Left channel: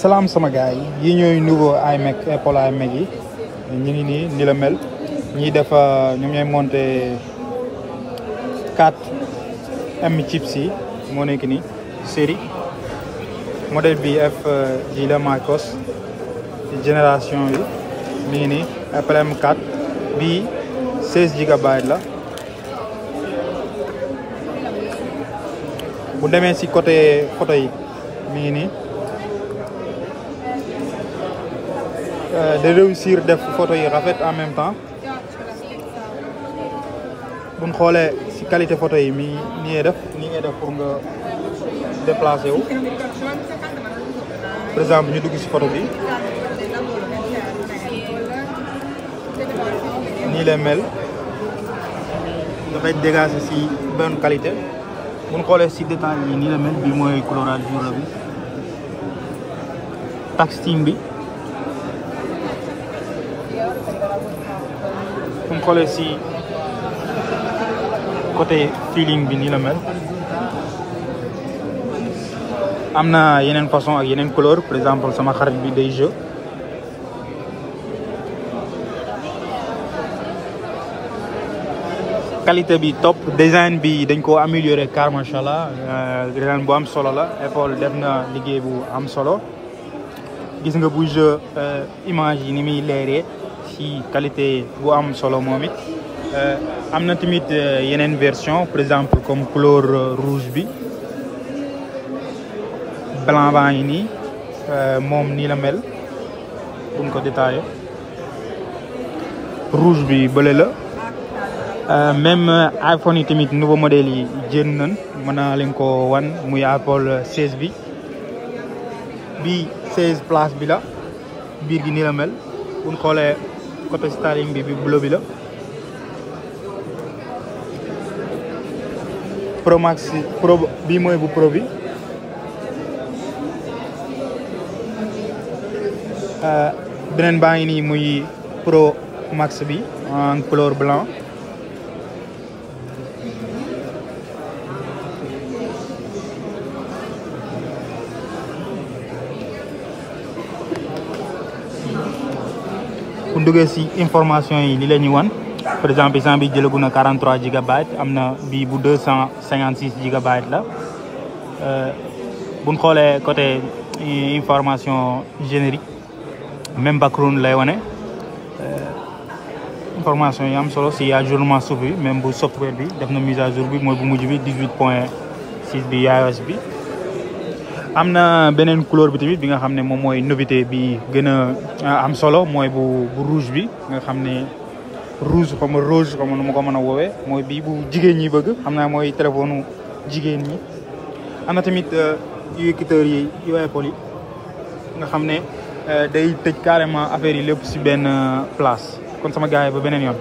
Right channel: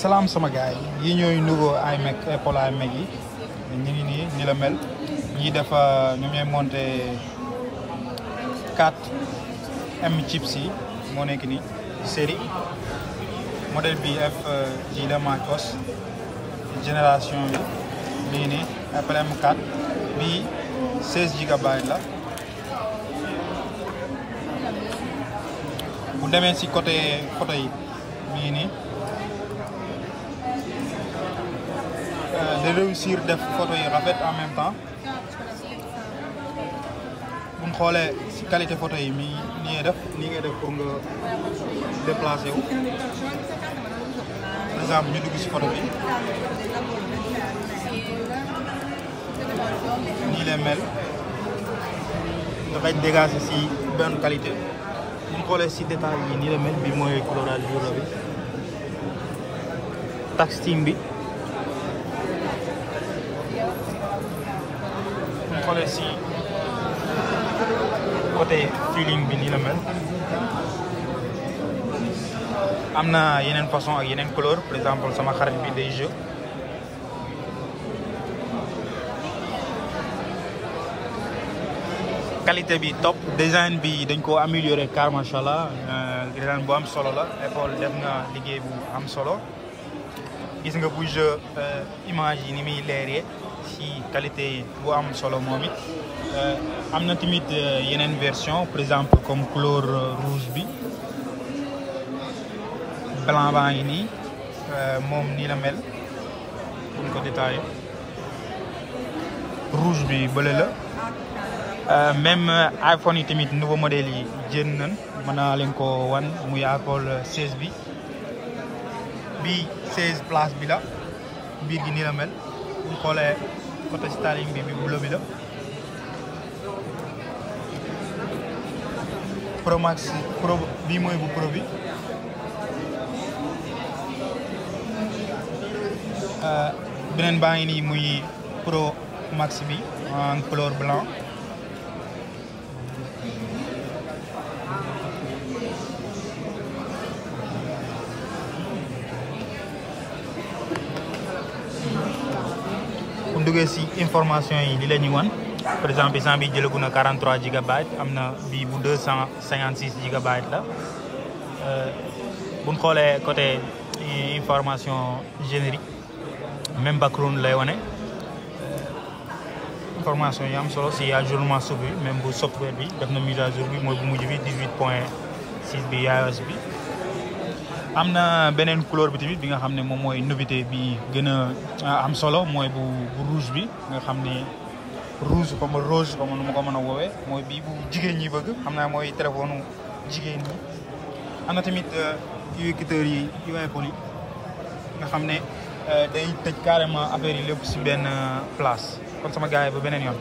salaam sama gars yi ñooy nouveau iMac Apple iMac yi ñu ngi nii ni la mel ñiy def ñu ñooy monté 4M chips yi moo nekk ni série modèle bi FG la Macos génération yi nii nii Apple M4 bii 16 GB la. bu demee ci côté photo yi mii nii de réussir def photo yi rafet en même temps buñ xoolee ci qualité photo yi nii ngay def pour nga déplacer wu par exemple ñu dugg ci photo bi nii lay mel dafay dégager ci bonne qualité. bu ñu xoolee ci détail yi nii la mel bi mooy colorage jour bi textile bi bu ñu xoolee ci côté feeling bi nii la mel am na yeneen façon ak yeneen couleur par exemple sama xarit bi day jeu qualité bi top design bi dañ ko améliorer car machallah design bu am solo la Apple def na liggéey bu am solo gis nga bu jeu image yi ni muy leeree ci qualité bu am solo moom it am na tamit yeneen version par exemple comme couleur rouge bi blanc baa ngi nii moom nii la mel buñ ko détaillé rouge bi bële la. Même iPhone yi tamit nouveau modèle yi jën nañ mën na leen ko wan muy Apple 16 bi bii 16 place bi la biir gi nii la mel bu ñu xoolee côté styling bi bleu bi la Pro Max Pro bii mooy bu Pro bi beneen baa ngi nii muy Pro Max bi en couleur blanc bu duggee ci information yi li la ñuy wan par exemple instant bi jëlagu na 43 GB am na bii bu 256 GB la bu ñu xoolee côté information générique même background lay wane information yi am solo ci ajournement software même bu software bi def na mise à jour bi mooy bu mujj bi 18.6 bi iOS bi. am na beneen couleur bi tamit bi nga xam ne moom mooy novité bi gën a am solo mooy bu rouge bi nga xam ne rouge comme nu ma ko mën a woowee mooy bii bu jigéen ñi bëgg xam naa mooy téléphone jigéen ñi. am na tamit yu écouteurs yi yu Apple yi nga xam ne day tëj carrément affaire yi lépp ci benn place kon sama gars yi ba beneen yoon.